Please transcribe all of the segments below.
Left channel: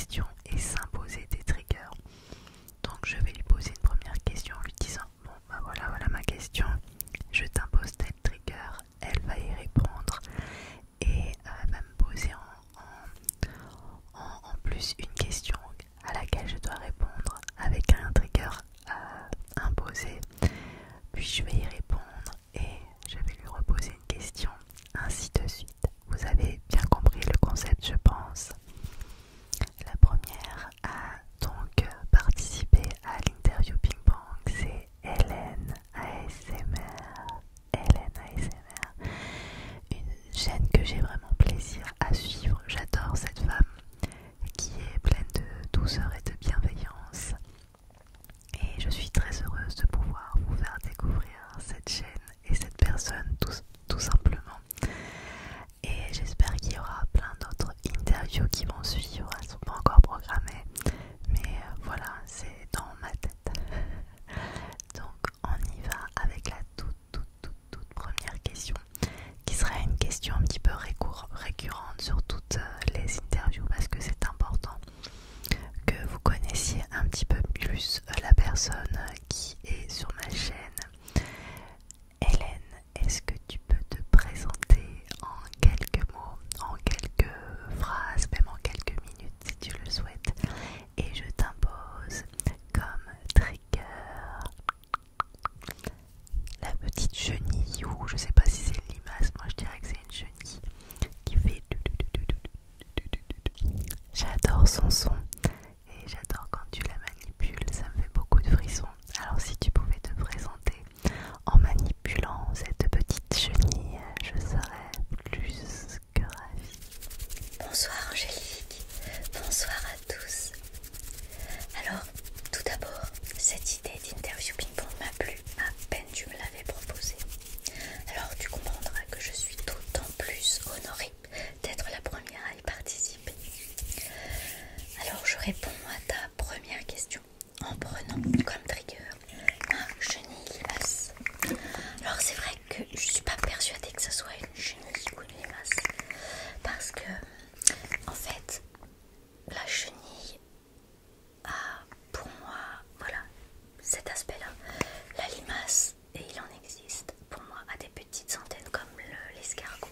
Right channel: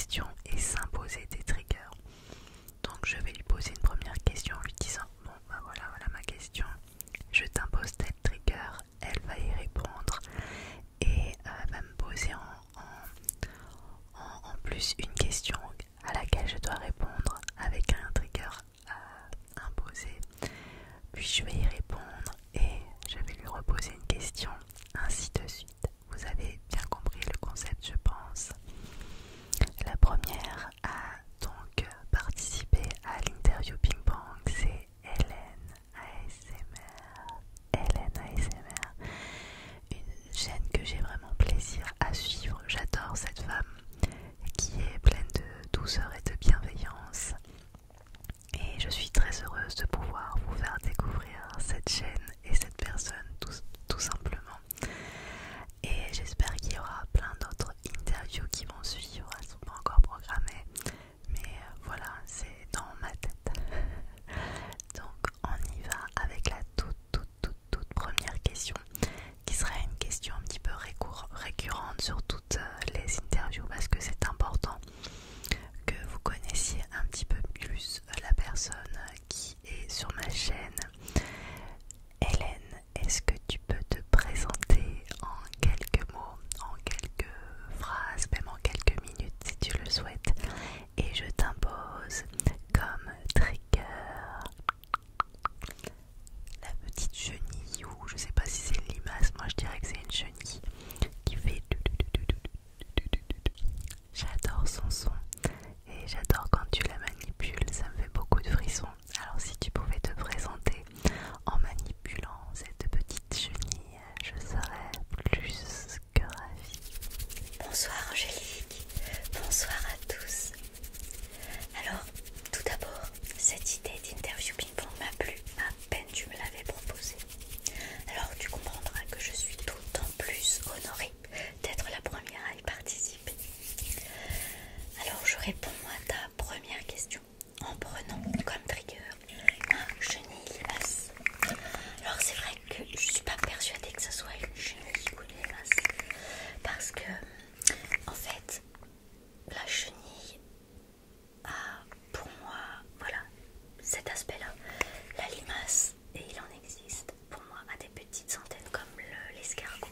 questions et s'imposer des triggers. Donc je vais lui poser une première question en lui disant bon bah voilà ma question, je t'impose tel trigger, elle va y répondre et va me poser en plus une question à laquelle je dois répondre avec un trigger imposé, puis je vais y répondre et je vais lui reposer une question, ainsi de suite. Vous avez bien compris le concept, je pense. La première à donc participer à l'interview ping-pong, c'est Hélène ASMR. Hélène ASMR, une chaîne que j'ai vraiment plaisir à suivre. J'adore cette femme qui est pleine de douceur et de bienveillance. Et je suis très heureuse de pouvoir vous faire découvrir cette chaîne et cette personne tout simplement. Et j'espère qu'il y aura plein d'autres interviews qui vont suivre. Elles ne sont pas encore programmées, mais voilà, c'est dans ma tête. Donc on y va avec la toute première question, qui sera une question un petit peu récurrente sur toutes les interviews, parce que c'est important que vous connaissiez un petit peu plus la personne qui est sur ma chaîne. Hélène, est-ce que tu peux te présenter en quelques mots, en quelques phrases, même en quelques minutes si tu le souhaites, et je t'impose comme trigger la petite chenille, ou je sais pas si c'est une limace, moi je dirais que c'est une chenille qui fait. J'adore son son et j'adore quand tu la manipules, ça me fait beaucoup de frissons. Alors si tu pouvais te présenter en manipulant cette petite chenille, je serais plus que ravie. Bonsoir Angélique, bonsoir à tous. Alors, tout d'abord, cette idée d'interview ping-pong m'a plu à peine tu me l'avais proposée. Alors tu comprendras que je suis d'autant plus honorée d'être la première à y participer. Alors je réponds à ta première question en prenant comme trigger un chenille limace. Alors c'est vrai que je suis pas persuadée que ce soit une chenille ou une limace, parce que en fait la chenille a pour moi voilà cet aspect là. La limace, et il en existe pour moi à des petites antennes comme l'escargot.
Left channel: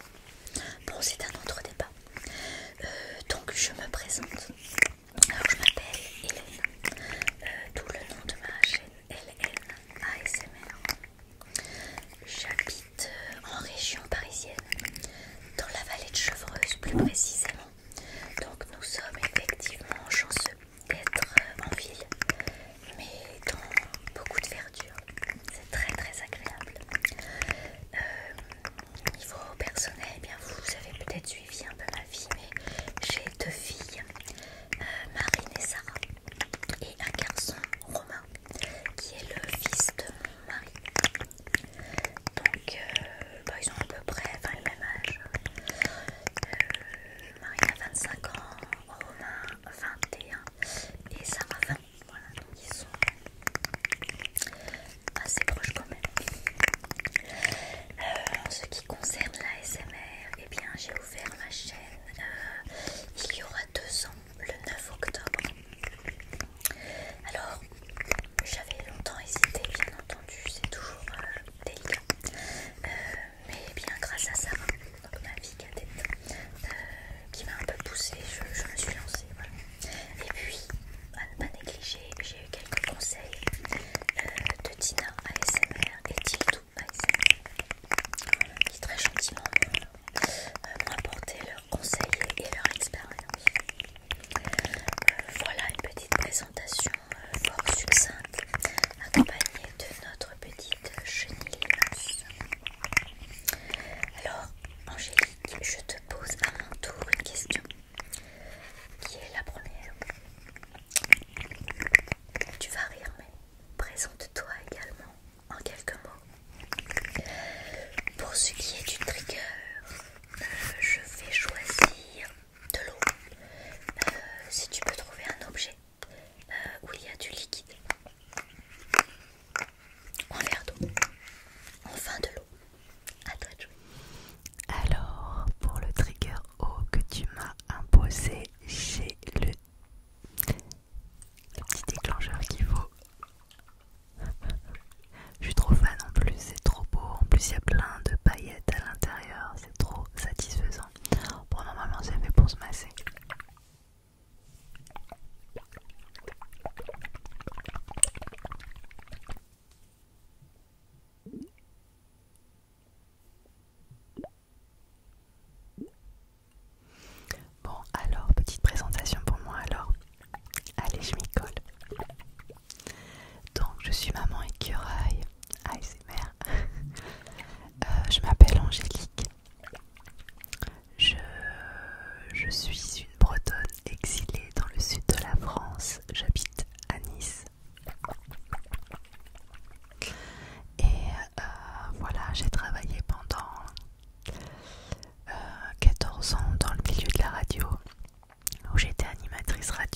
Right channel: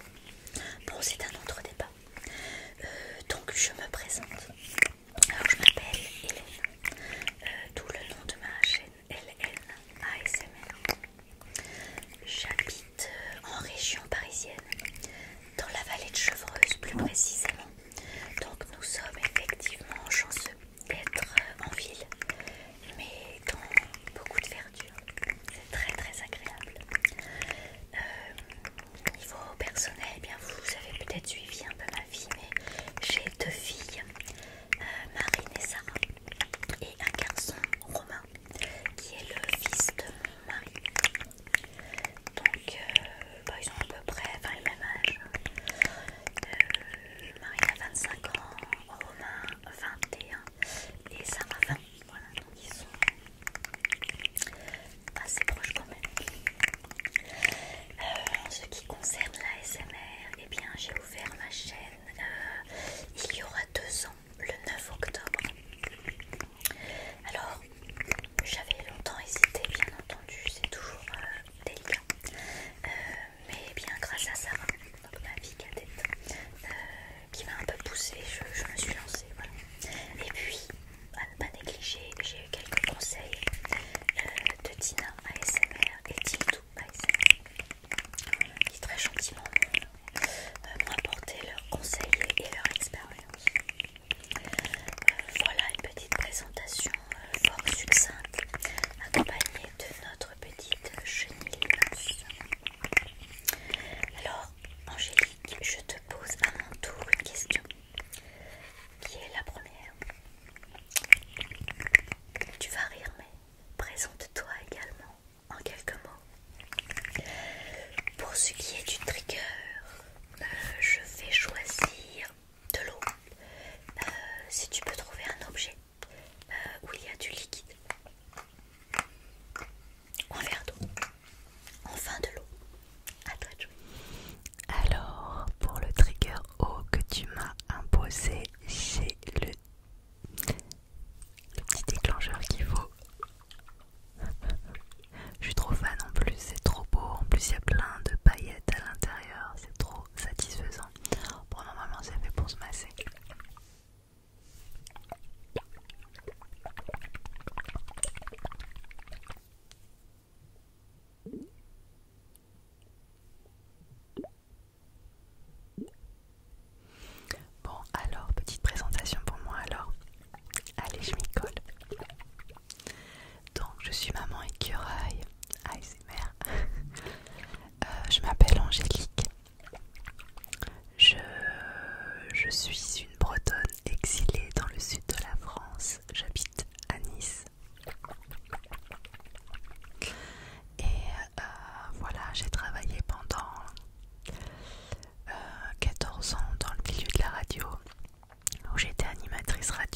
Bon, c'est un autre débat. Donc je me présente. Alors je m'appelle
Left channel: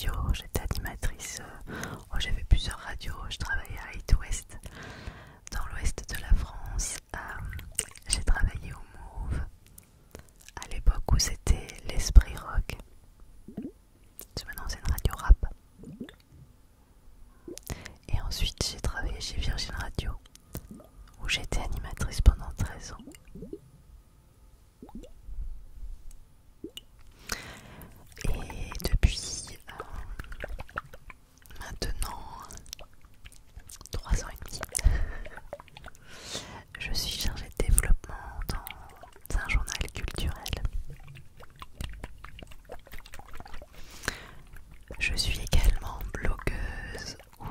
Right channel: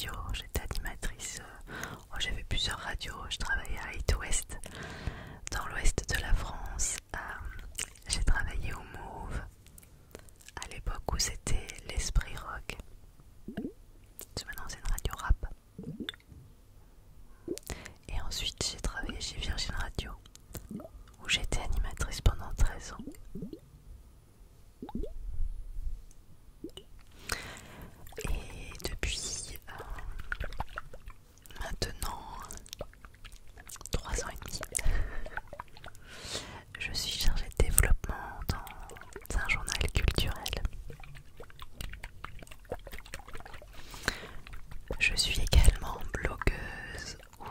radio, j'étais animatrice, j'avais plusieurs radios, je travaillais à It West, dans l'ouest de la France. J'ai travaillé au Move, à l'époque où c'était l'Esprit Rock. Maintenant c'est une radio rap. Et ensuite j'ai travaillé chez Virgin Radio, où j'étais animatrice pendant 13 ans. Et depuis maintenant 3 ans et demi, je suis chargée de développement dans un journal culturel. Je suis également blogueuse où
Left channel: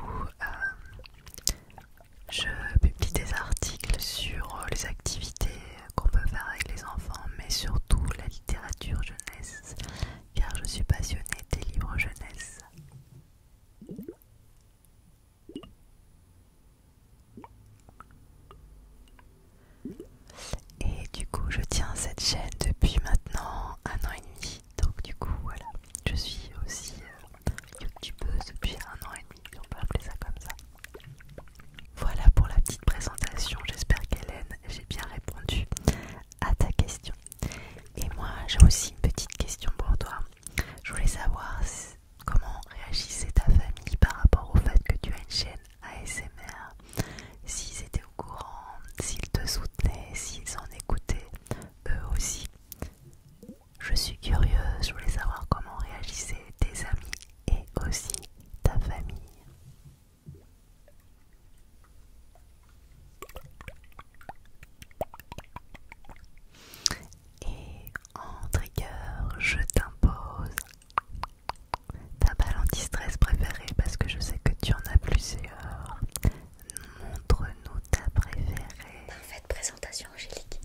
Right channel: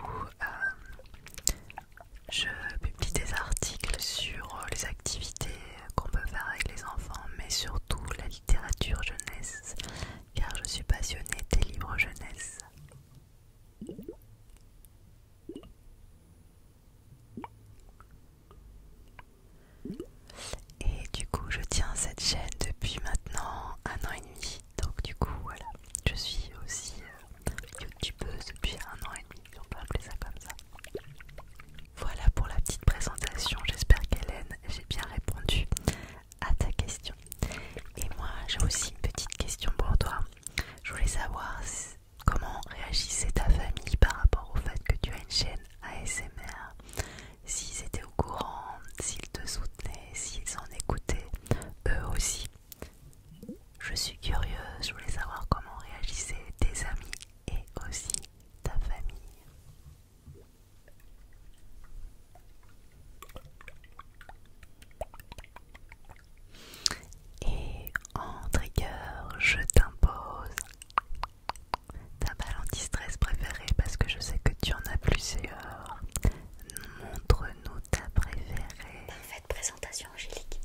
je publie des articles sur les activités qu'on peut faire avec les enfants, mais surtout la littérature jeunesse, car je suis passionnée des livres jeunesse. Et du coup, je tiens cette chaîne depuis maintenant 1 an et demi. Donc du coup, voilà, je suis aussi youtubeuse depuis 1 an et demi, on peut appeler ça comme ça. Voilà pour la petite présentation, j'espère qu'Hélène, j'ai bien répondu à ta question. Et moi, j'ai aussi une petite question pour toi. Je voulais savoir comment réagissait ta famille par rapport au fait que tu as une chaîne ASMR. S'ils étaient au courant, s'ils te soutenaient, s'ils en écoutaient eux aussi. Je suis curieuse, je voulais savoir comment réagissaient tes amis et aussi ta famille. Et en trigger, je t'impose ta balle anti-stress préférée parce que je sais que tu en as plusieurs. Montre-nous ta préférée. Parfaite présentation, Angélique.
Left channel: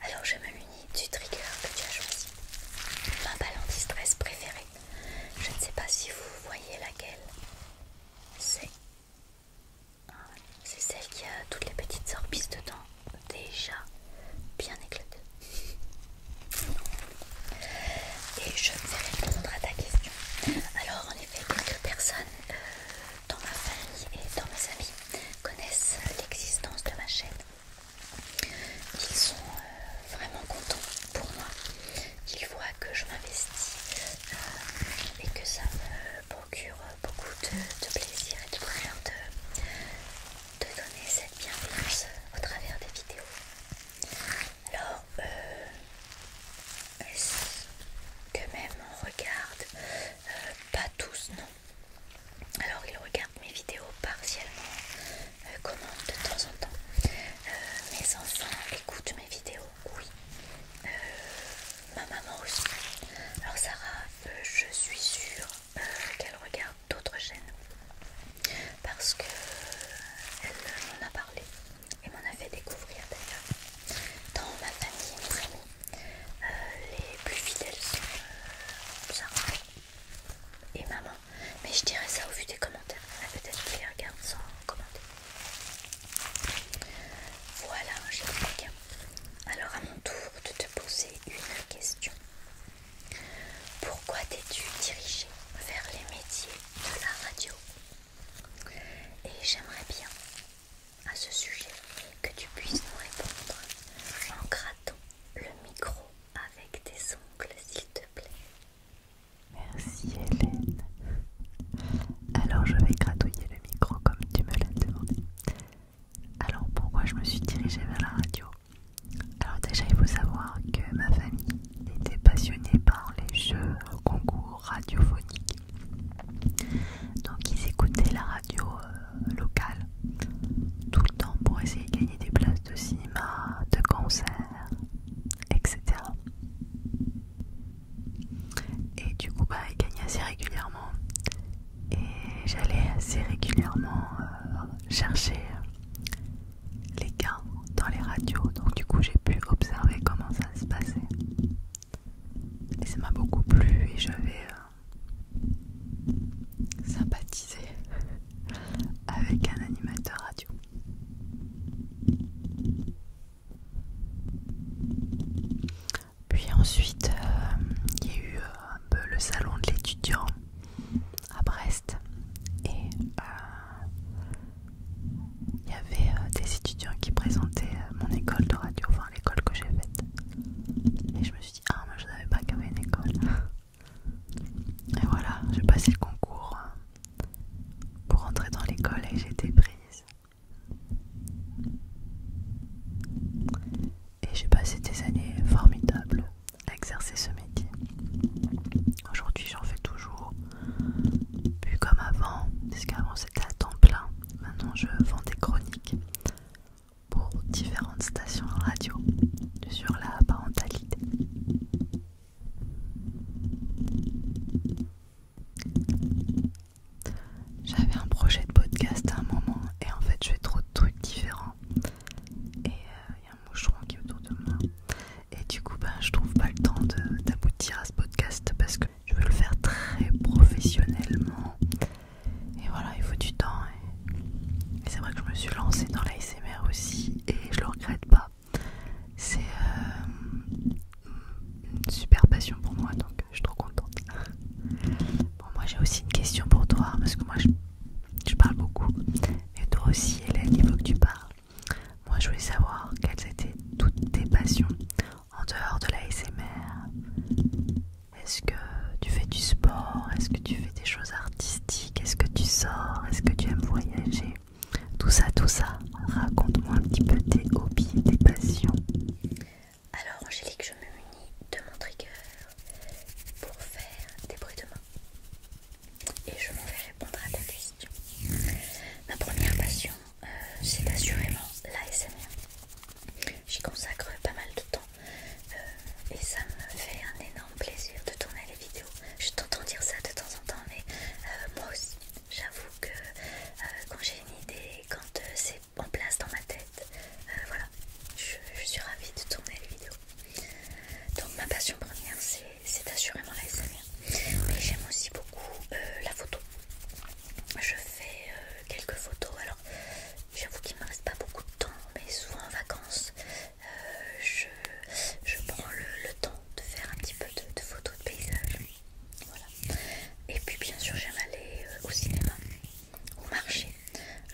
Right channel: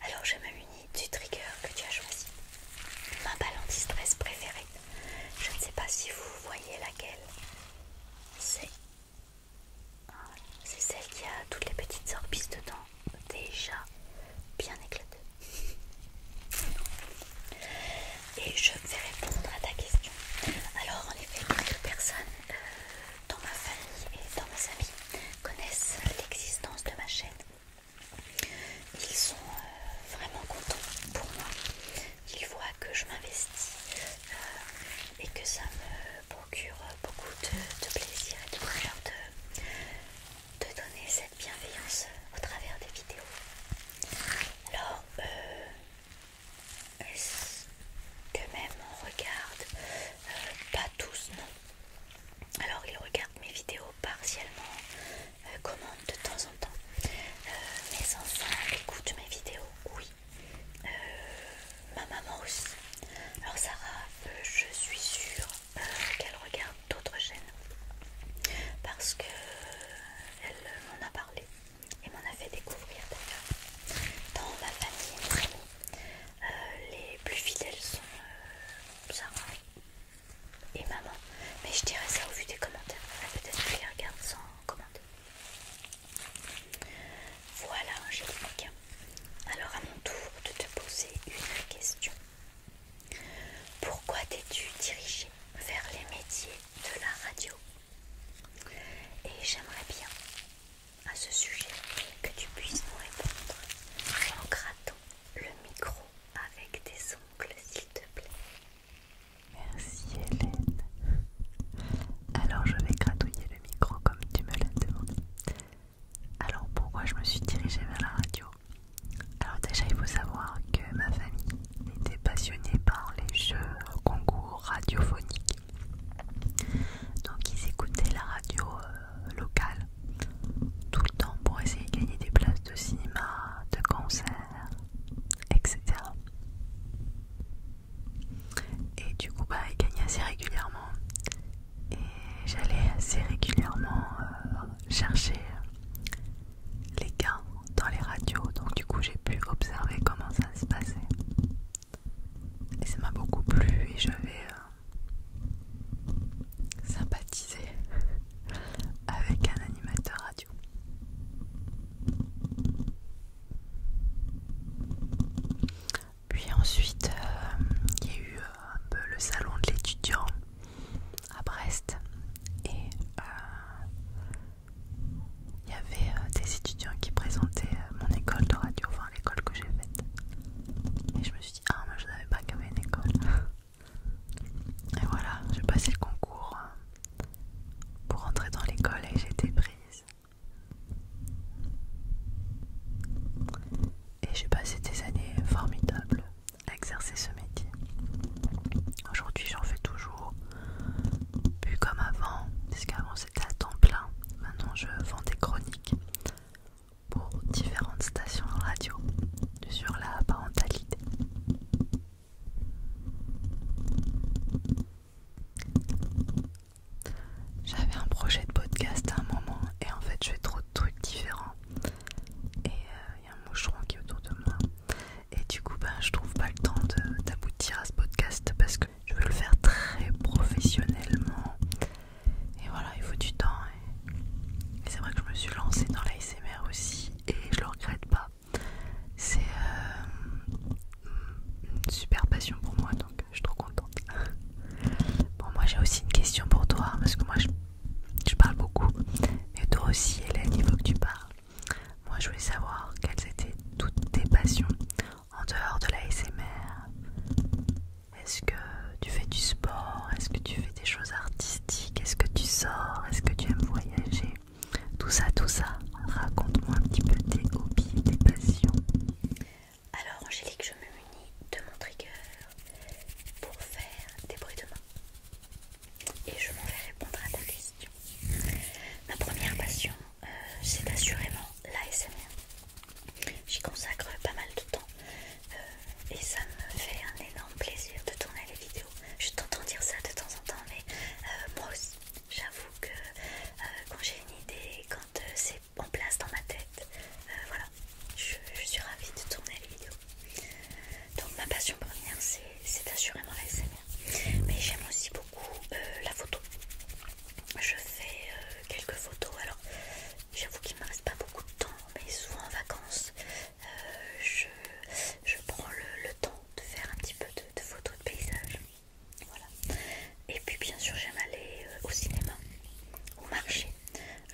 Alors je me munis du trigger que tu as choisi. Ma balle anti-stress préférée. Je ne sais pas si vous voyez laquelle. C'est celle qui a toutes les petites orbises dedans, déjà bien éclatées. Et je vais répondre à ta question. Alors en effet, quelques personnes dans ma famille et dans mes amis connaissent l'existence de ma chaîne. Ils sont vraiment contents pour moi, qu'ils voient que je m'investis et que ça me procure beaucoup de plaisir et de bonheur de donner cette bienveillance au travers des vidéos. Alors, que même on regarde, pas tous, non. Alors ils regardent mes vidéos partiellement, commentent de temps en temps. Mes enfants écoutent mes vidéos, oui. Ma maman aussi. Alors Sarah, je suis sûre qu'elle regarde d'autres chaînes parce que elle m'en a parlé et m'en a fait découvrir d'ailleurs. Dans ma famille et mes amis, les plus fidèles sont Sarah et maman, mais je dirais ça au vu des commentaires. Peut-être que je les regarde sans commenter. Voilà, Angélique. Alors à mon tour de te poser une question. Pourquoi t'es-tu dirigée vers les métiers de la radio? Et j'aimerais bien, à ce sujet, que tu puisses nous répondre en grattant le micro avec tes ongles, s'il te plaît. Merci Hélène. Alors je vais gratouiller le micro comme tu me l'as demandé. Alors pourquoi je me suis dirigée vers la radio? Alors déjà il faut savoir que ma famille était passionnée par les jeux concours radiophoniques. Donc ils écoutaient la radio locale tout le temps pour essayer de gagner des places de cinéma, de concerts, etc. Et du coup ils gagnaient assez régulièrement. Et j'allais assez régulièrement chercher les gains dans les radios. Donc du coup j'ai pu observer comment ça se passait. Et ça m'a beaucoup plu et j'avais sympathisé avec un animateur radio. Puis ensuite il y a eu un peu le salon de l'étudiant aussi une question pour toi, parce que moi je parle beaucoup, mais toi aussi Hélène, il faut que tu parles. Moi je voulais savoir quelles étaient toutes tes passions en dehors de la SMR. Est-ce que tu fais du sport? Est-ce que tu fais des choses artistiques? Est-ce que tu sors? Est-ce que tu aimes voyager? Tout ça, raconte-moi un petit peu tes hobbies, tes passions. Alors Angélique, je me munis de mon trigger pour faire des bruits de main. Et je m'en vais répondre à ta question. Ma première passion, c'est assurément l'ASMR. J'y consacre pas mal de temps et ça me fait un énorme plaisir de tourner les vidéos. Je t'entends dire ça de temps en temps, mais moi aussi, j'avoue que quand j'ai une idée, quand c'est en place dans ma tête, voilà, je suis ravie de tourner les vidéos. Donc ma passion première, c'est assurément l'ASMR. Mais j'aime aussi beaucoup la photo. Je fais quelques photos. Alors j'avoue qu'il ne me reste pas beaucoup de temps, mais souvent en vacances, je prends le temps de faire un petit peu de photos de paysages. Voilà. Et puis bien sûr j'aime aller au cinéma, au marché.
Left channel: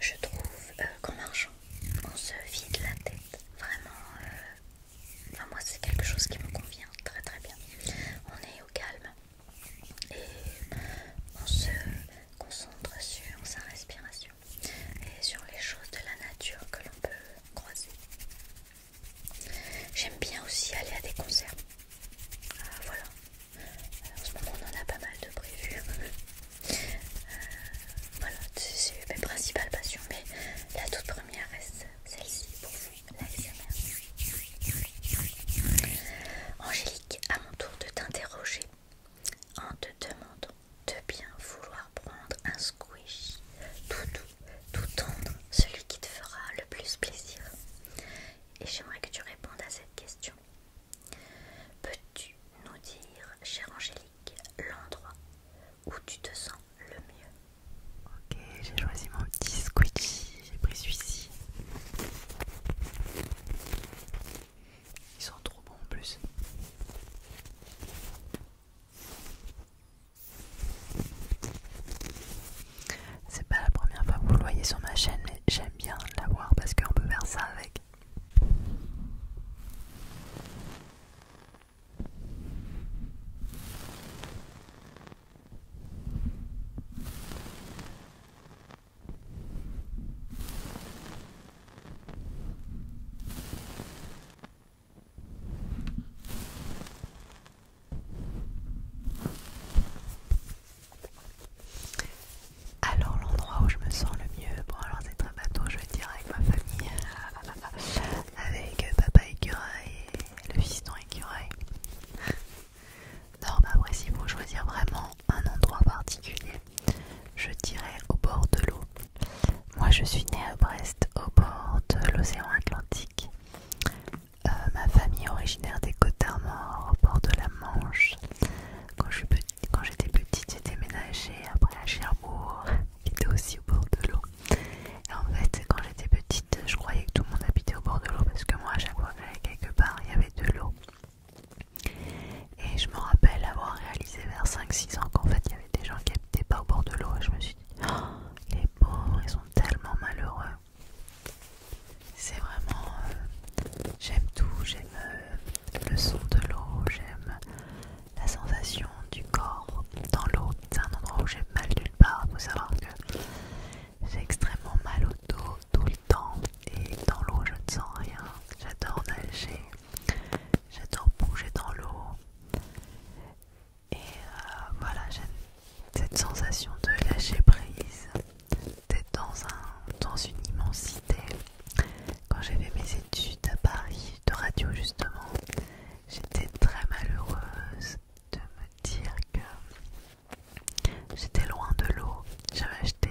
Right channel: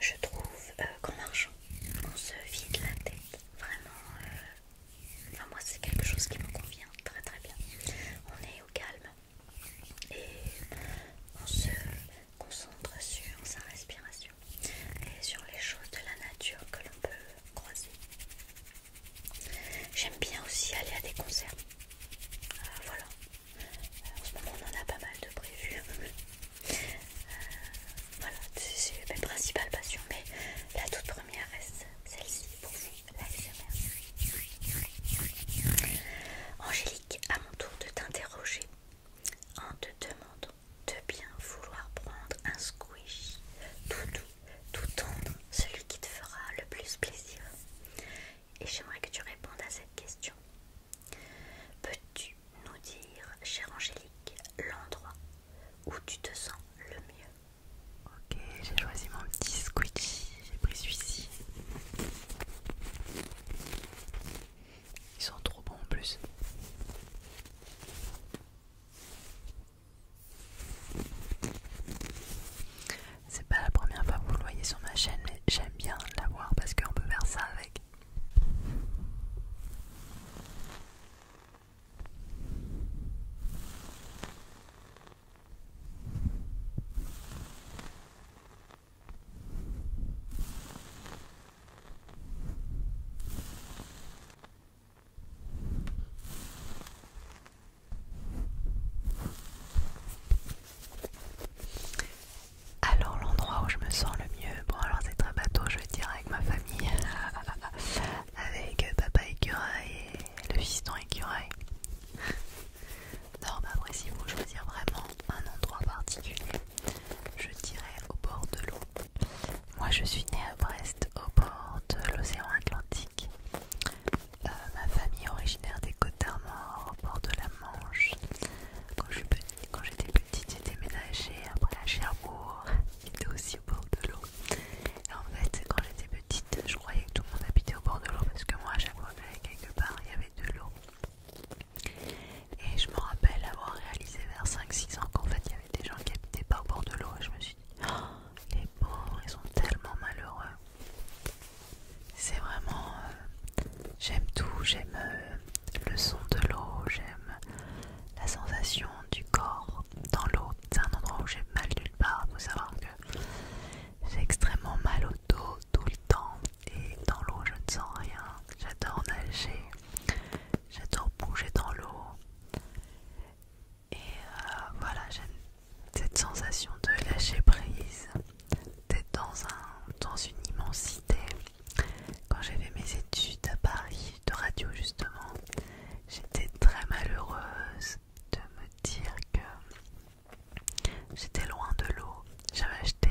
Je trouve qu'en marchant, on se vide la tête. Vraiment, enfin, moi c'est quelque chose qui me convient très très bien. On est au calme et on se concentre sur sa respiration et sur les choses de la nature que l'on peut croiser. J'aime bien aussi aller à des concerts. Voilà. En ce moment on en a pas mal de prévus. Voilà, c'est mes principales passions, mais la toute première reste celle-ci pour vous, l'ASMR. Angélique, à mon tour de t'interroger en te demandant de bien vouloir prendre un squishy tout doux, tout tendre, celui qui te fera le plus plaisir. Et j'aimerais que tu répondes à cette question. Peux-tu nous dire, chère Angélique, l'endroit où tu te sens le mieux? Ok, j'ai choisi mon petit squishy, j'ai pris celui-ci. Ils sont trop bons en plus. C'est pas la première fois que vous le voyez sur ma chaîne, mais j'aime bien l'avoir parce qu'on peut faire ça avec. Alors l'endroit où je me sens le mieux, bon alors c'est très bateau, je vais dire avec ma famille, avec papa écureuil et le fiston écureuil. Non mais après s'il faut choisir vraiment un endroit particulier, je dirais au bord de l'eau. Moi je suis née à Brest, au bord de l'océan Atlantique. Ma famille est originaire des Côtes d'Armor, au bord de la Manche. Quand j'étais petite, j'ai déménagé après à Cherbourg, qui était aussi au bord de l'eau. Et en fait, quand j'étais petite, je croyais que tout le monde habitait au bord de l'eau parce que moi, à chaque fois que j'allais quelque part, il y avait de l'eau. Et je me rappelle avoir réalisé vers 5-6 ans qu'en fait, il y avait des gens qui habitaient pas au bord de l'eau. Et je me suis dit, oh, les pauvres, ils sont tellement malheureux. C'est vraiment... j'aime tout, j'aime le son de l'eau, j'aime la sensation du corps dans l'eau. C'est un endroit où j'ai mal nulle part. Il faut savoir que j'ai extrêmement mal au dos tout le temps et dans l'eau je ne sens rien. J'adore nager, j'adore bouger dans l'eau et voilà, j'aime cette sensation de lâcher prise, d'être dans une immensité. Quand j'ai fait mes études à Paris de radio justement, j'étais très malheureuse de me dire que j'étais loin de l'eau. J'avais acheté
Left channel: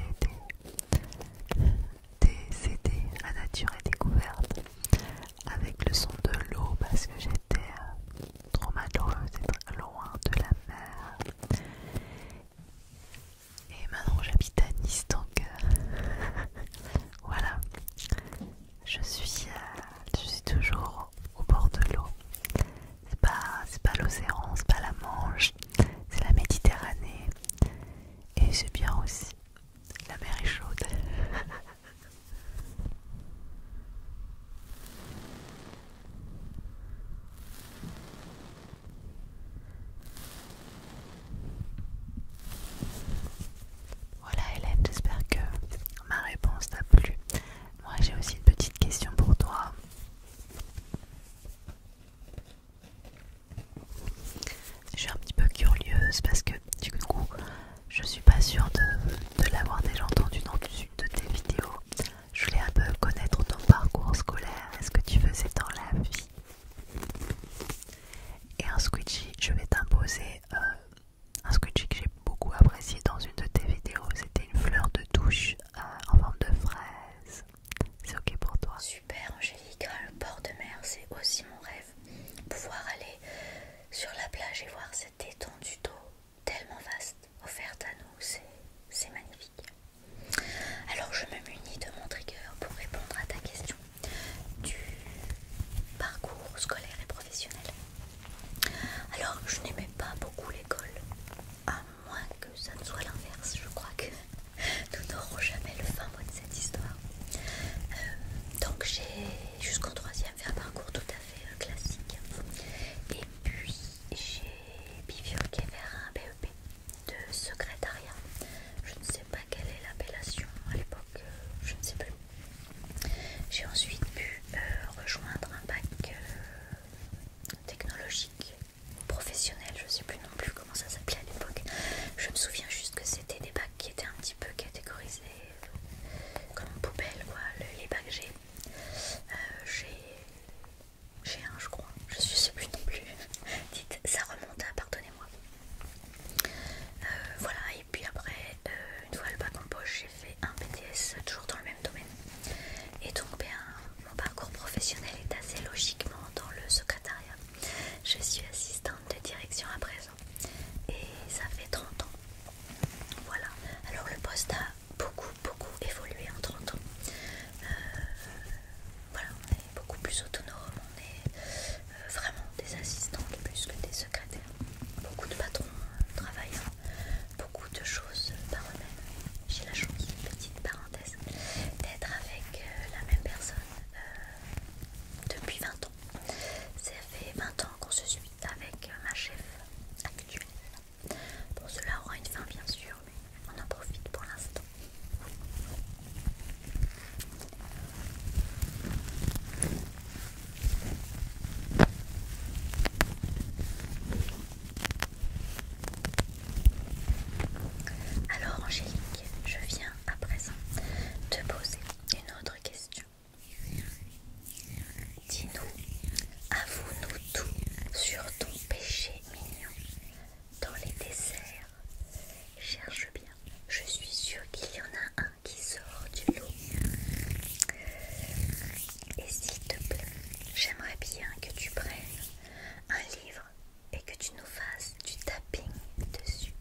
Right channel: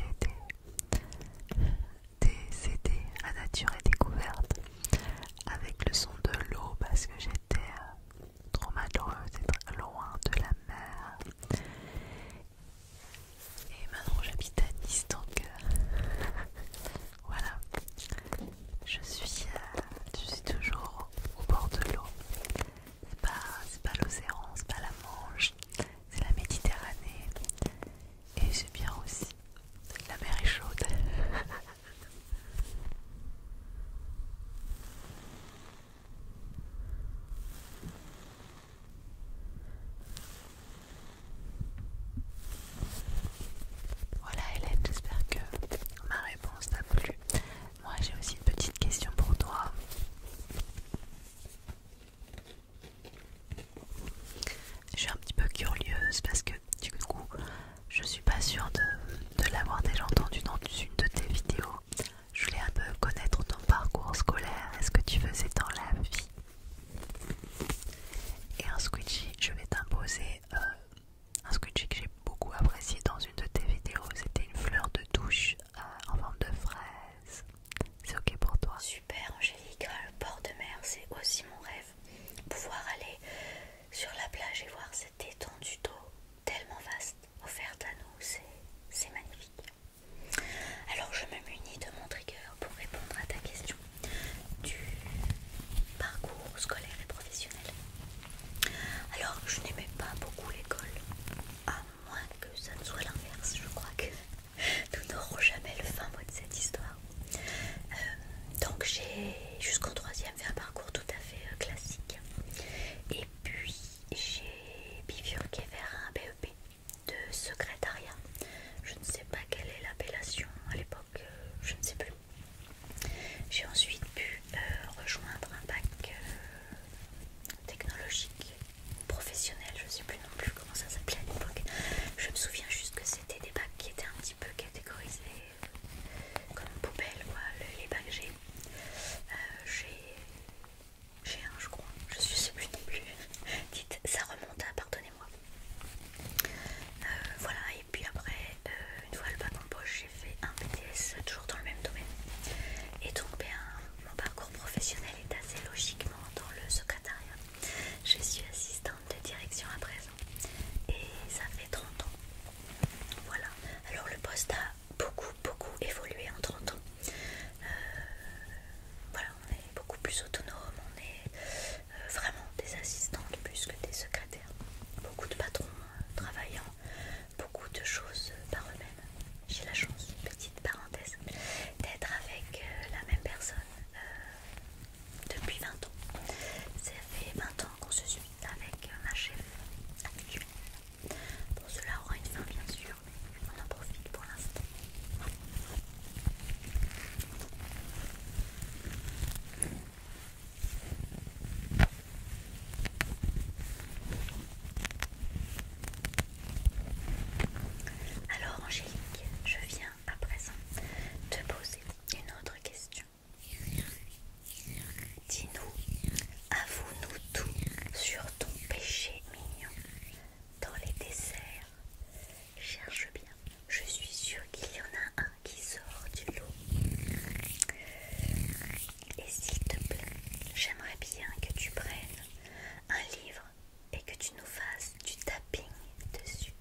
des CD à nature et découverte avec le son de l'eau parce que j'étais trop malheureuse d'être loin de la mer. Et maintenant j'habite à Nice, donc voilà, je suis toujours au bord de l'eau. C'est pas l'océan, c'est pas la Manche, c'est la Méditerranée. Et aussi. La mer est chaude. Voilà Hélène, j'espère que ma réponse t'a plu. Moi j'ai aussi une petite question pour toi. Je suis un petit peu curieuse parce que du coup je suis pas sûre de l'avoir déjà entendu dans une de tes vidéos. Je voulais un peu connaître ton parcours scolaire et ce que tu faisais dans la vie. Et un squishy, je vais t'imposer un squishy que j'ai beaucoup apprécié dans une de tes vidéos. C'était une fleur de douche en forme de fraise. C'est ok pour toi? Super Angélique, le bord de mer, c'est aussi mon rêve. Pouvoir aller sur la plage et voir cette étendue d'eau tellement vaste offerte à nous, c'est magnifique. Alors je me munis de mon trigger pour répondre à ta question du parcours scolaire et professionnel. Alors je n'aimais pas beaucoup l'école, à moins que ça ne soit l'inverse. Je crois que nous n'aurons jamais le fin mot de cette histoire. Donc j'ai jusqu'en troisième fait un parcours tout à fait classique. Et puis j'ai bifurqué vers un BEP de secrétariat. Je ne sais pas quelle est l'appellation à l'époque, je ne sais plus. J'ai ensuite pu rejoindre un bac technologique, professionnel, je ne sais plus non plus comment ça s'appelait à l'époque. Je me souviens juste que c'était des bacs qui étaient un petit peu catégorisés comme poubelle, quoi, les bacs G. J'ai un, je crois, je ne sais plus non plus. Dites, ça remonte à, pardonnez-moi. Voilà, et puis après, une fois le bac en poche, j'ai fait un BTS toujours dans le même domaine. Et donc, mon parcours professionnel est assez logiquement dans le secrétariat. Je suis assistante de direction à présent et ça fait 30 ans. Voilà, alors le poste a beaucoup évolué en 30 ans. Voilà, on est beaucoup plus autonome, on est vraiment des assistantes plus que des secrétaires. Beaucoup de patrons travaillant, beaucoup de choses par eux-mêmes. J'ai la chance, petite parenthèse, d'être avec la même personne depuis 20 ans. Ça fait 20 ans qu'on se suit avec ma chef actuelle. Bon, cela aura une fin bien sûr, mais on en profite pour l'instant. Alors Angélique, je viens à présent te poser une autre question. Dis-nous, avoue-nous tout sur ton péché mignon dans les desserts. Cherche bien, je suis sûre qu'il y en a un qui sort du lot. Et s'il te plaît, j'aimerais bien que tu prennes un livre et que tu nous fasses du tapping dessus.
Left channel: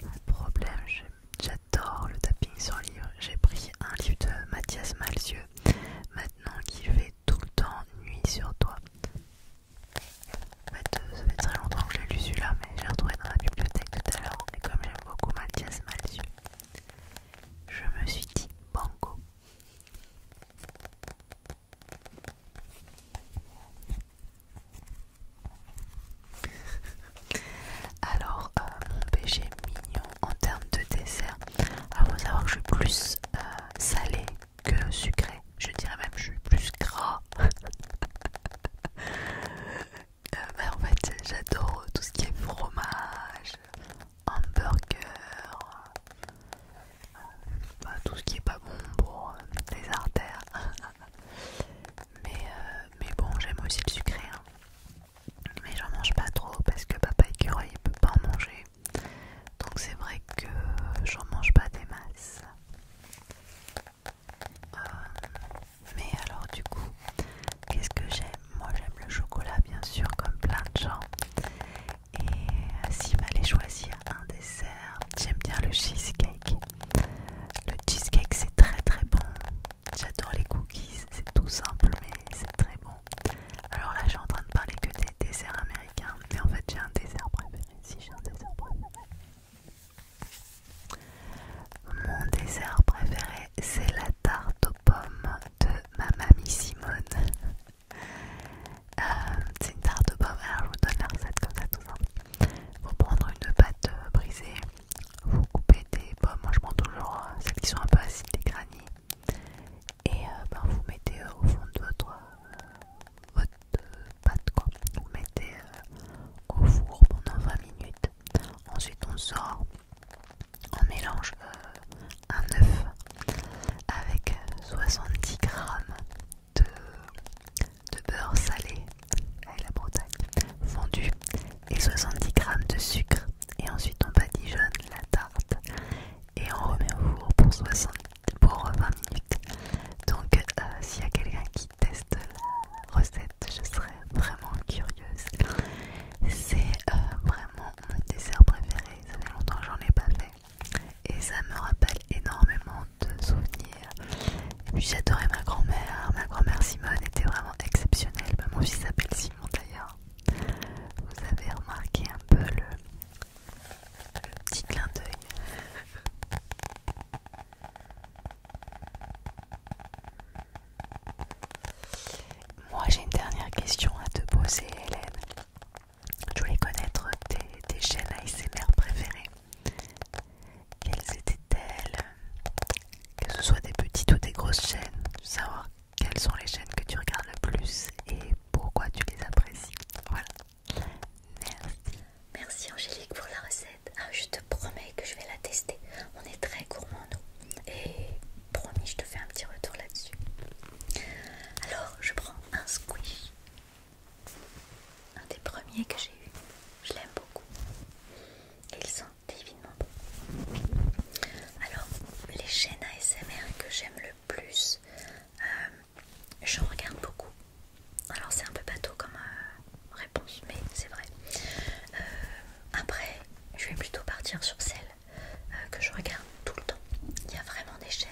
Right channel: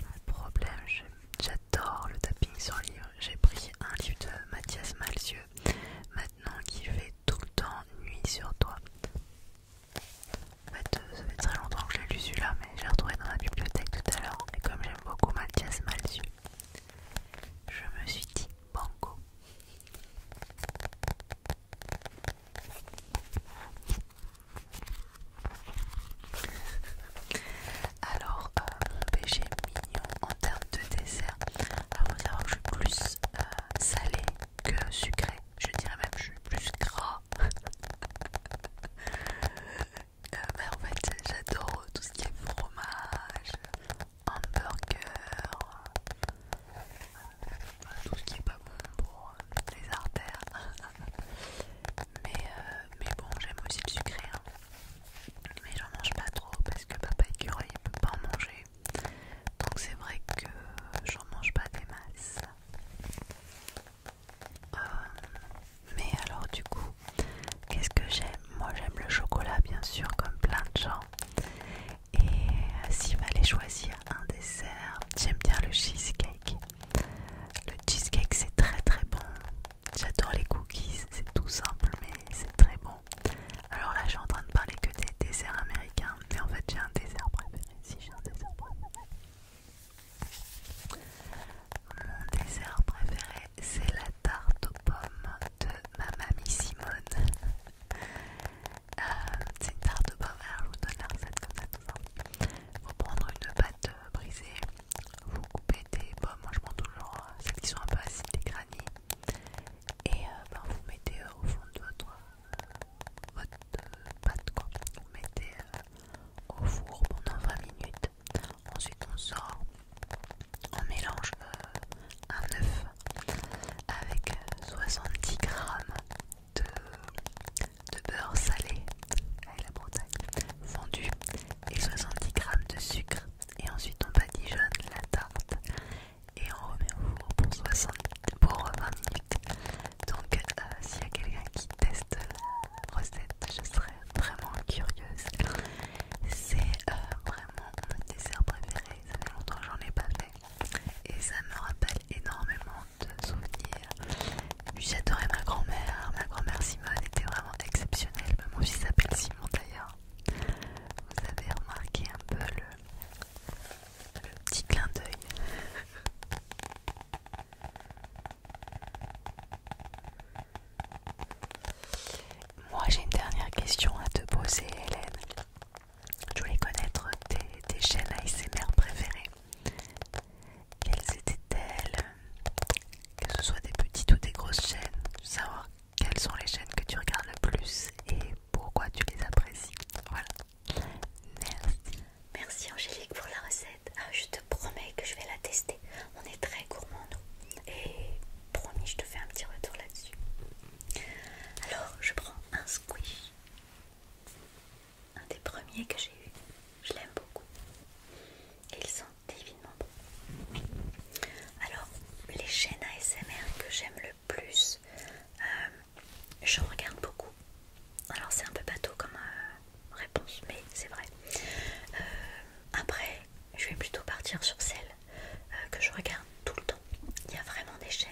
Pas de problème, j'adore le tapping sur livre. J'ai pris un livre de Mathias Malzieu maintenant qui fait tout le temps nuit sur toi. En fait, ça fait très longtemps que je l'ai lu celui-là, mais j'ai retrouvé dans la bibliothèque tout à l'heure. Et comme j'aime beaucoup Mathias Malzieu, je me suis dit banco. Alors, mon péché mignon en termes de dessert, alors faut savoir que je suis plus salé que sucré. Je dirais même que je suis plus gras. En fait, j'adore tout ce qui est fromage, hamburger, tout ce qui est pas bon pour les artères. mais bon, j'aime aussi le sucré. Hein. Mais j'en mange pas trop parce que papa écureuil il peut pas en manger. Donc c'est vrai que j'en mange pas des masses. Mais alors du coup, qu'est-ce que j'aime? Moi j'aime le chocolat bien sûr comme plein de gens. Et s'il fallait choisir un dessert, j'aime bien le cheesecake. Le cheesecake c'est très bon. J'adore les cookies, c'est tout simple mais c'est très bon. Alors là je suis en train de parler que des desserts américains, mais en fait j'ai un dessert préféré. Si j'ai un dessert préféré. regarde tout le temps. Il y a vraiment des chaînes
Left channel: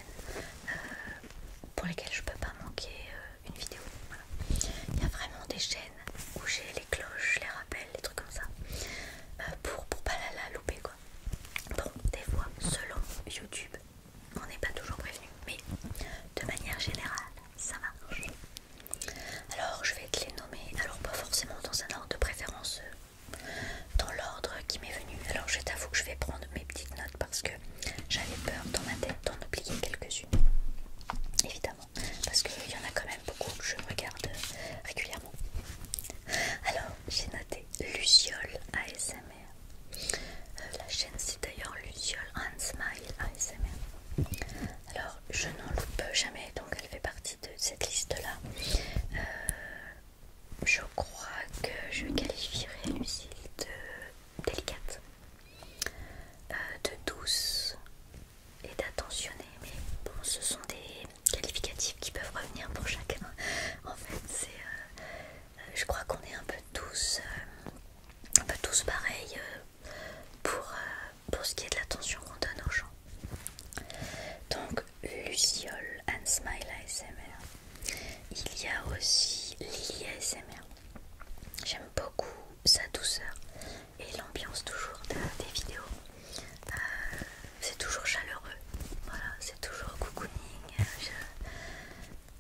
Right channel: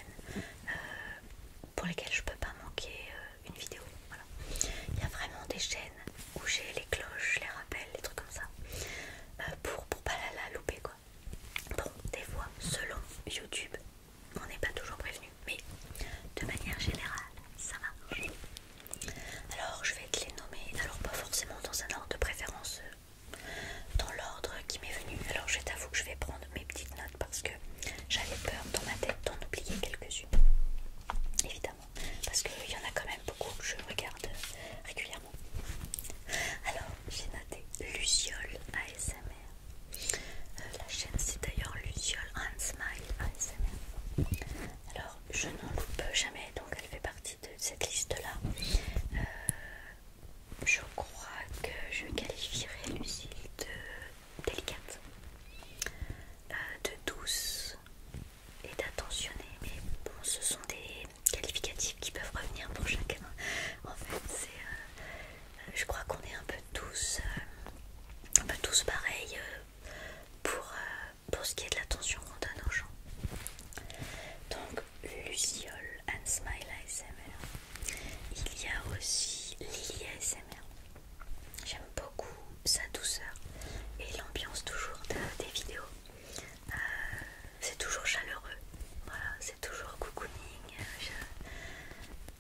pour lesquelles je peux pas manquer une vidéo. Voilà. Il y a vraiment des chaînes où j'ai les cloches, les rappels, les trucs comme ça, pour pas la louper quoi. Bon, des fois, selon YouTube, on n'est pas toujours prévenu, mais de manière générale, ça marche. Alors, je vais te les nommer, alors pas forcément dans un ordre de préférence, dans l'ordre qui m'est venu. Alors, je t'avoue que je vais prendre mes petites notes parce que j'avais peur dans ma tête d'en oublier quelques-unes. Évidemment, parce qu'il y en a quand même beaucoup que je regarde régulièrement. Alors, j'ai noté Luciole ASMR. La chaîne c'est d'ailleurs Luciole and Smile ASMR. Alors, je n'en loupe jamais, donc elle fait partie de cette liste-là. Je crois que je qualifierais Lucille de délicate, de douce et d'attentionnée, mais bon, ce sont des qualificatifs qui peuvent revenir pour chacun. En fait, c'est, je crois qu'on est un peu tous pareils pour ce qui est de l'attention qu'on donne aux gens. Donc, Luciole and Smile ASMR. Il y a aussi Lily ASMR. J'aime beaucoup sa douceur et l'ambiance toujours des vidéos. C'est toujours chaleureux, voilà, c'est toujours cocooning.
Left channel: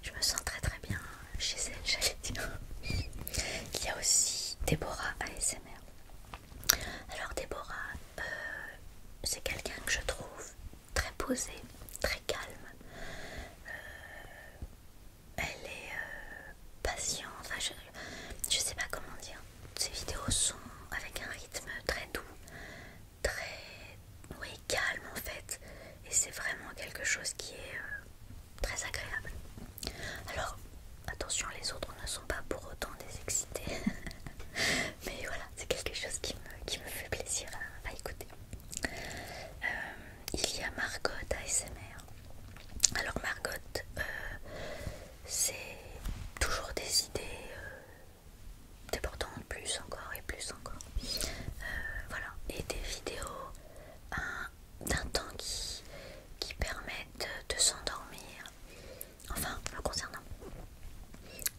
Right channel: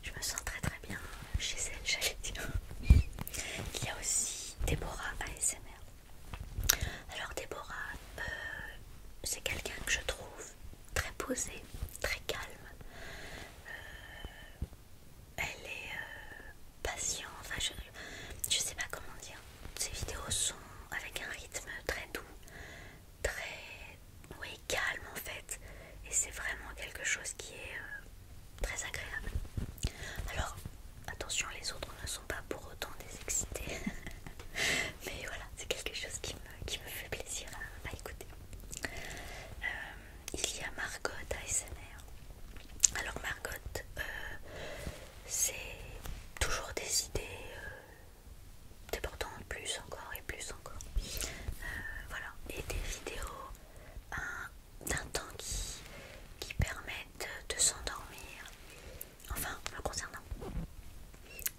Je me sens très très bien chez elle, j'allais dire. Il y a aussi Déborah ASMR. Alors Déborah, c'est quelqu'un que je trouve très posé, très calme. Elle est patiente, enfin, je sais pas comment dire. Ses vidéos sont avec un rythme très doux, très calme en fait, et c'est vraiment quelque chose qui est très agréable. Alors attention, les autres ne sont pas pour autant des excités, mais voilà, c'est quelque chose qui me fait plaisir à écouter. Il y a Margot ASMR. Alors Margot, c'est toujours des idées débordantes, plus encore et plus encore. Voilà, et des vidéos d'un temps qui permettent de s'endormir, enfin me concernant.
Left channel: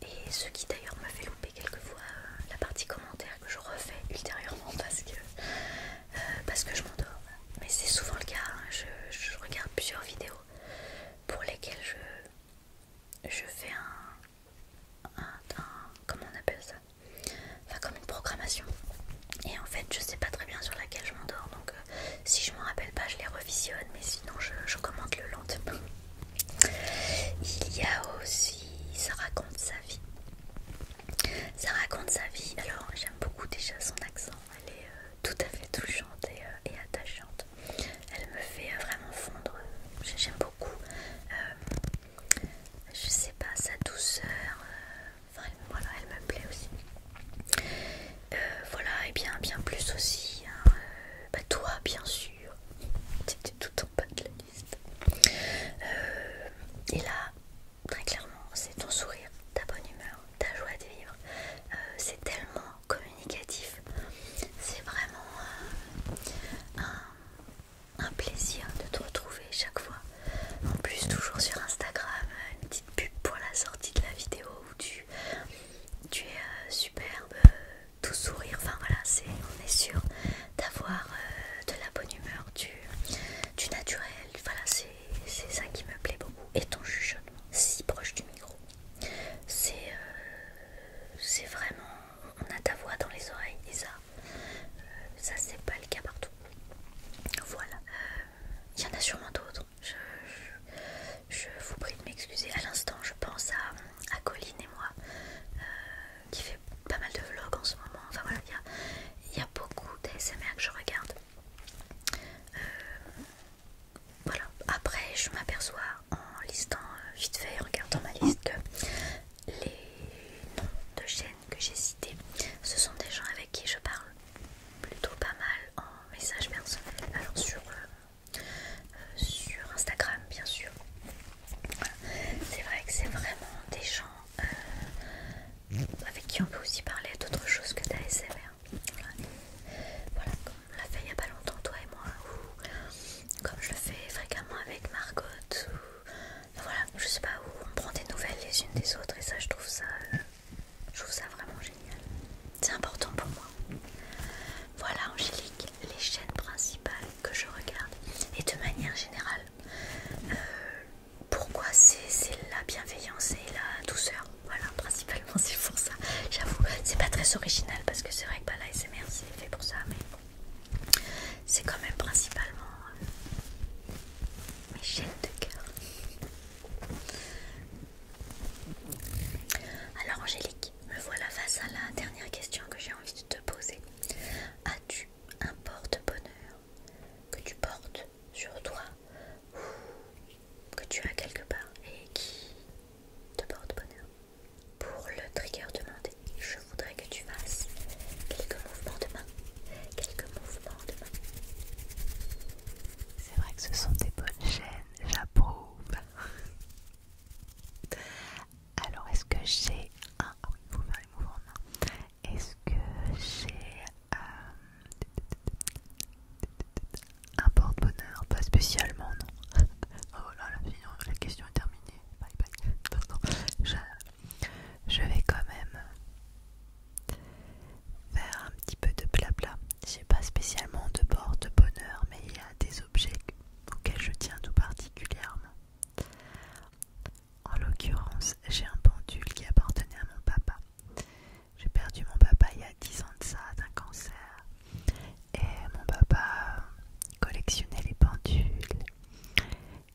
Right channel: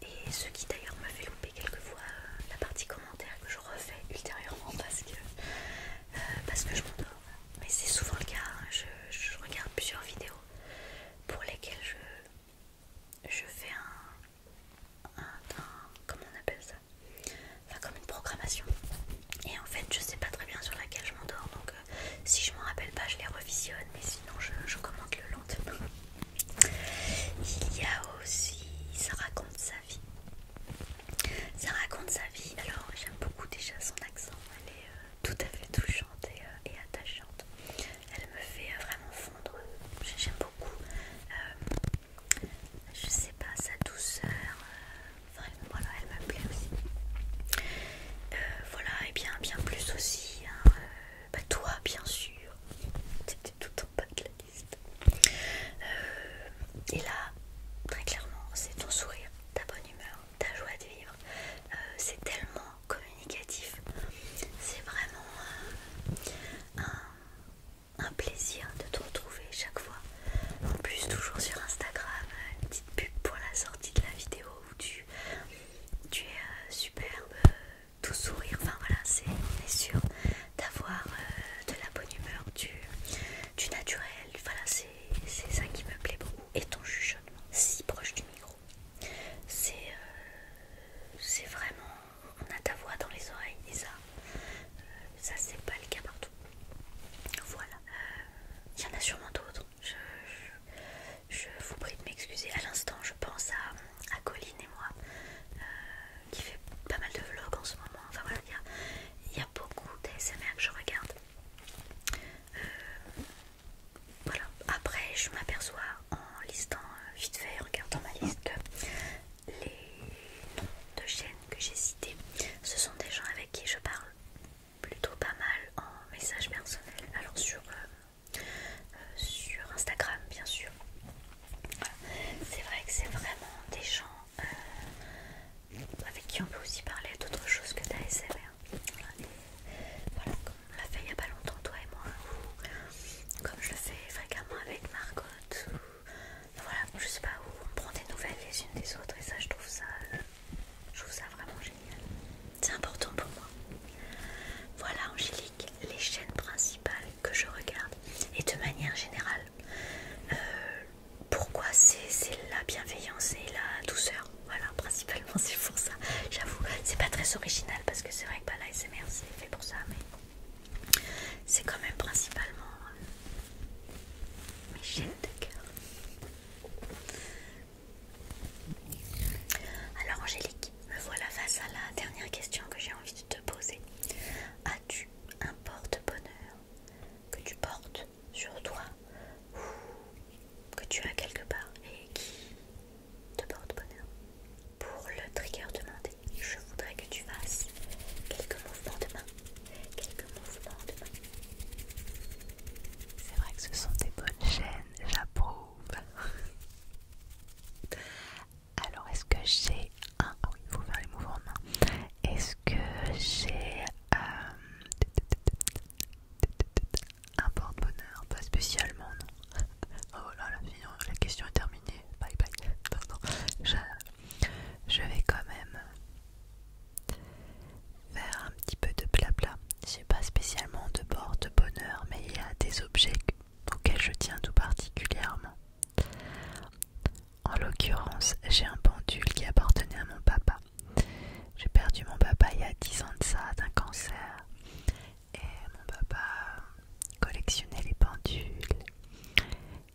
Et ce qui d'ailleurs me fait louper quelquefois la partie commentaire que je refais ultérieurement parce que je m'endors. Mais c'est souvent le cas, hein. Je regarde plusieurs vidéos pour lesquelles je fais comment on appelle ça, enfin comme une programmation, et en fait je sais pas très bien sur laquelle je m'endors, donc si je m'en rappelle pas je les revisionne, mais sinon je commente le lendemain. Il y a aussi Ça raconte sa vie. Ça raconte sa vie, alors j'aime beaucoup déjà son accent, elle est tout à fait touchante et attachante. Elle me fait vraiment fondre, j'aime beaucoup. Je sais pas, sa douceur, enfin, voilà, elle me plaît aussi. Voilà, et bien plus aussi, hein, toi bien sûr, c'était tout en bas de la liste. Et là, très clairement, c'est ton sourire, ta bonne humeur, ta joie de vivre. C'est tellement communicatif, c'est vraiment un plaisir de te retrouver chaque fois. En plus, toujours sur Instagram, une petite pub pour la sortie de la vidéo où tu es superbe, tout sourire. Enfin voilà, on est sûr d'avoir de la bonne humeur, du naturel. Voilà, c'est ça qui me plaît beaucoup. Et ton chuchotement, si proche du micro, c'est vraiment, on a ta voix dans les oreilles, et ça c'est pas le cas partout. Voilà, il y en a sûrement d'autres. Je vous prie de m'excuser. À l'instant, je pense à Colline et moi, qui fait pas mal de vlogs en ce moment. Enfin voilà, il y a beaucoup d'ASMR que je regarde. Voilà. Après, je m'aperçois en listant vite fait, en regardant ma liste, que les noms de chaînes que j'ai cités, ce sont des gens avec qui je parle plutôt pas mal en message personnel. Alors sur Instagram, bien sûr. Voilà. C'est vrai que c'est vraiment des gens avec qui on peut aussi parler d'autre chose que d'ASMR. Voilà, comme on l'a fait il n'y a pas longtemps, toi et moi, ou comme je le chienne de cœur. Alors Angélique, me voilà face à la dernière question que j'ai envie de te poser. As-tu un porte-bonheur que tu portes sur toi ou que tu as quelque part et qui te porte bonheur? Pour le trigger demandé, je voudrais que tu fasses quelques mouvements de main. Quelques mouvements de main. C'est vrai que ce sont des bonnes chaînes, j'approuve. Alors, est-ce que j'ai un... Ah oui, il faut faire les mouvements de main. Est-ce que j'ai un porte-bonheur? Pas spécialement, non. Oh voilà, la question est terminée. Bye bye. Non, je vais quand même faire un petit peu de blabla. J'ai pas spécialement de porte-bonheur, mais il y a des objets auxquels je tiens tout particulièrement. En l'occurrence, j'ai un pendule qui appartenait à mon papa. J'ai perdu mon papa il y a 10 ans de ça, d'un cancer. Et mon papa collectionnait les pendules.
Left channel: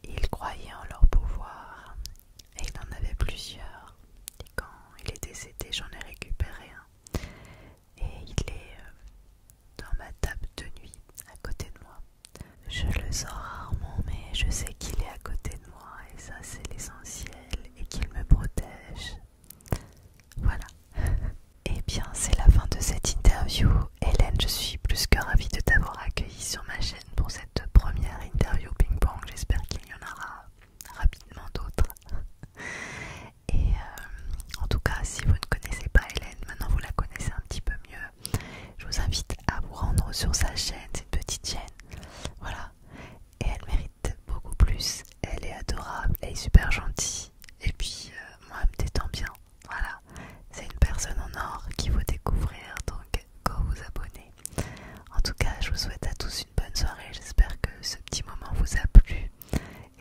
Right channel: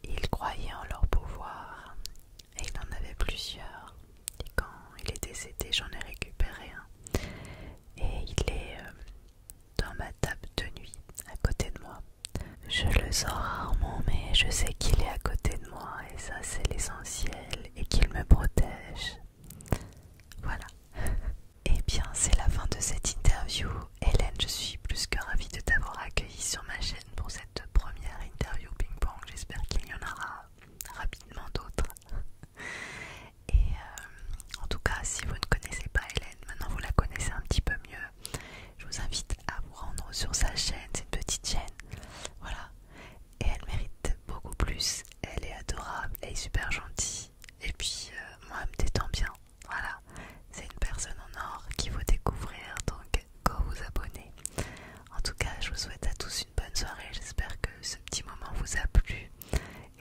Il croyait en leur pouvoir. Et il en avait plusieurs. Et quand il est décédé, j'en ai récupéré un. Et il est dans ma table de nuit, à côté de moi. Je le sors rarement, mais je sais qu'il est à côté de moi. Et ça, c'est l'essentiel. Et qu'il me protège. Voilà. Eh bien, c'est la fin de cette interview. Hélène, je suis plus que ravie de t'avoir accueillie sur ma chaîne pour cette première interview ping-pong. J'espère qu'il y en aura rapidement d'autres. Et en tout cas, si vous ne connaissez pas Hélène, maintenant vous la connaissez un petit peu mieux. Je vous invite à vous rendre sur sa chaîne. C'est une petite chaîne. Voilà. Et elle mérite beaucoup plus. Elle est adorable, elle est super gentille. Et puis, moi, elle me détend bien. Voilà. C'est une personne en or qu'il faut découvrir, donc go vous abonner. En tout cas, je vous souhaite à tous une bonne soirée. J'espère que ce petit moment vous a plu.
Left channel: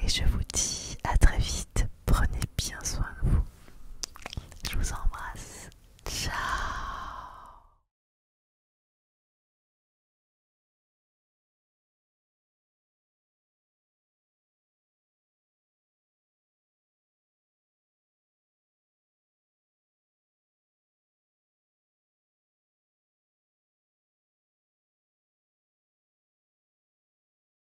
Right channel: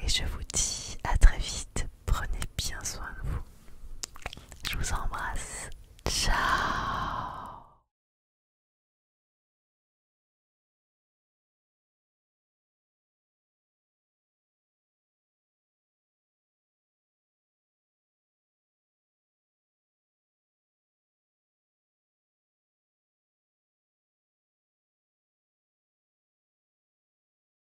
Et je vous